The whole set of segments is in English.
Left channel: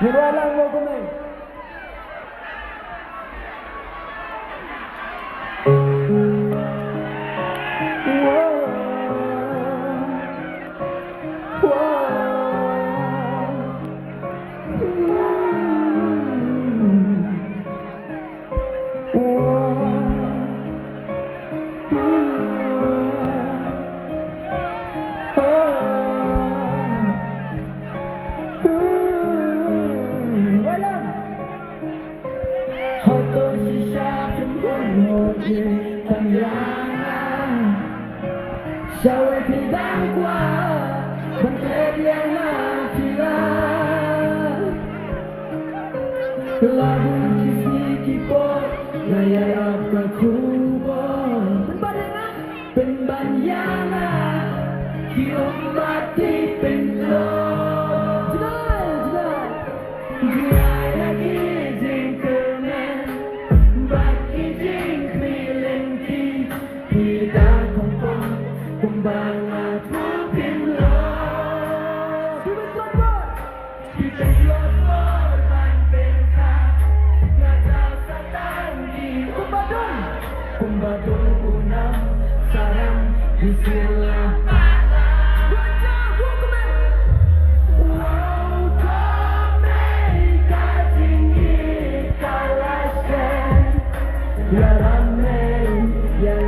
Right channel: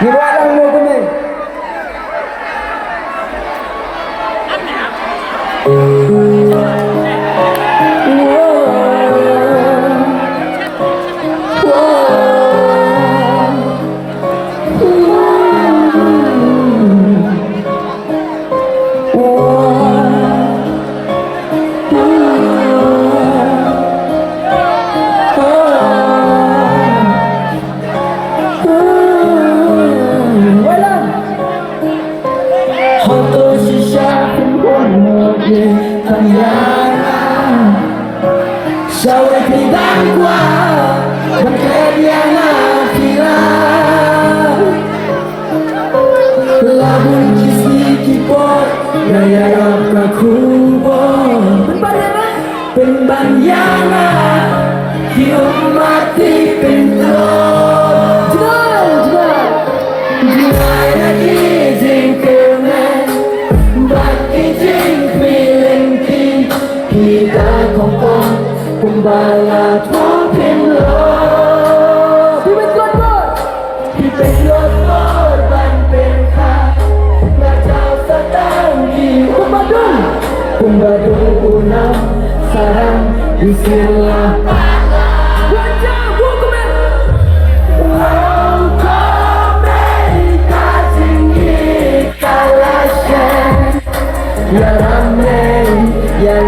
Niwalang mo kami. Sabe que da igual, porque viene a final. Lagu sedikit pun gaya rap kubur pembayangan di umat di pintu. Jual lagi jingkemen, bagi jing pilenting kita kompon. Kumbalat mo pinlot Pipit lot banten ka Ngajaw sa tangi Kumbadong unang sarang di sila Ya ramai, ya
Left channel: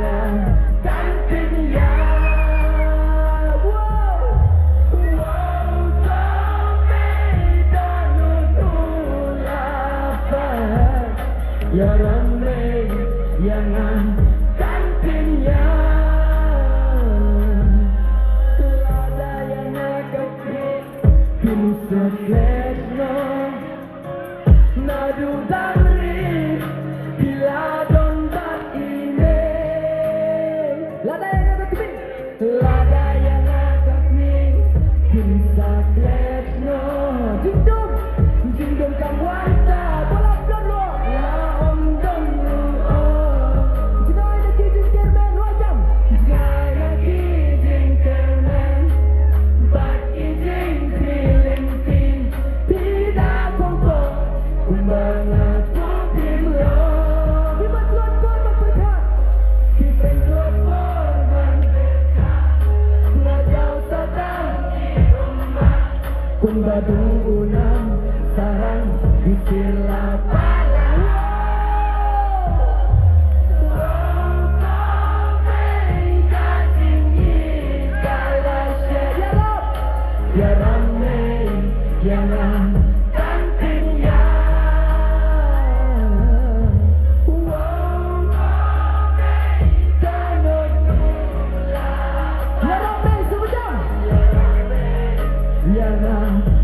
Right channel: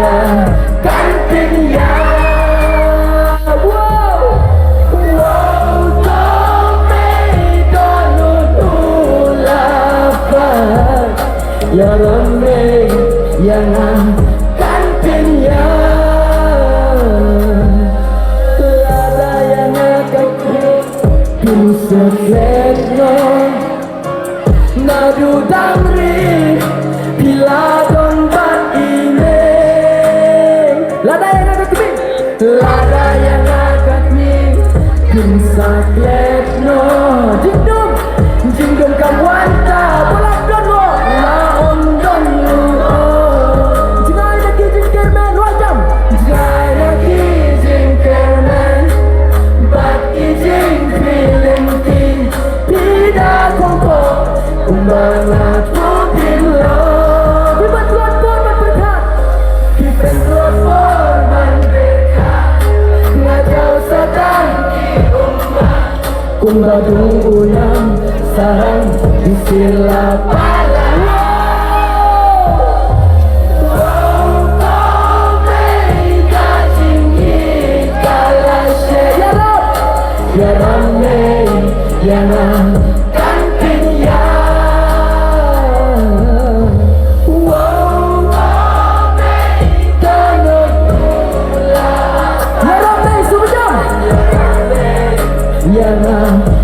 kanting ya Ya ramai yang kantinnya Tiada yang akan bisa setno Nadu damri bila dombat ini Lada yang akan Lada yang akan bisa setno Jingdum kamwanta bolak dono Kumbalat mo pinlot Bibat luat pun berberkat Kipin luat pun berberkat Ngajaw sa tangi umat Kumbadong unang sarang di sila pala Ya ramai, ya Yeah.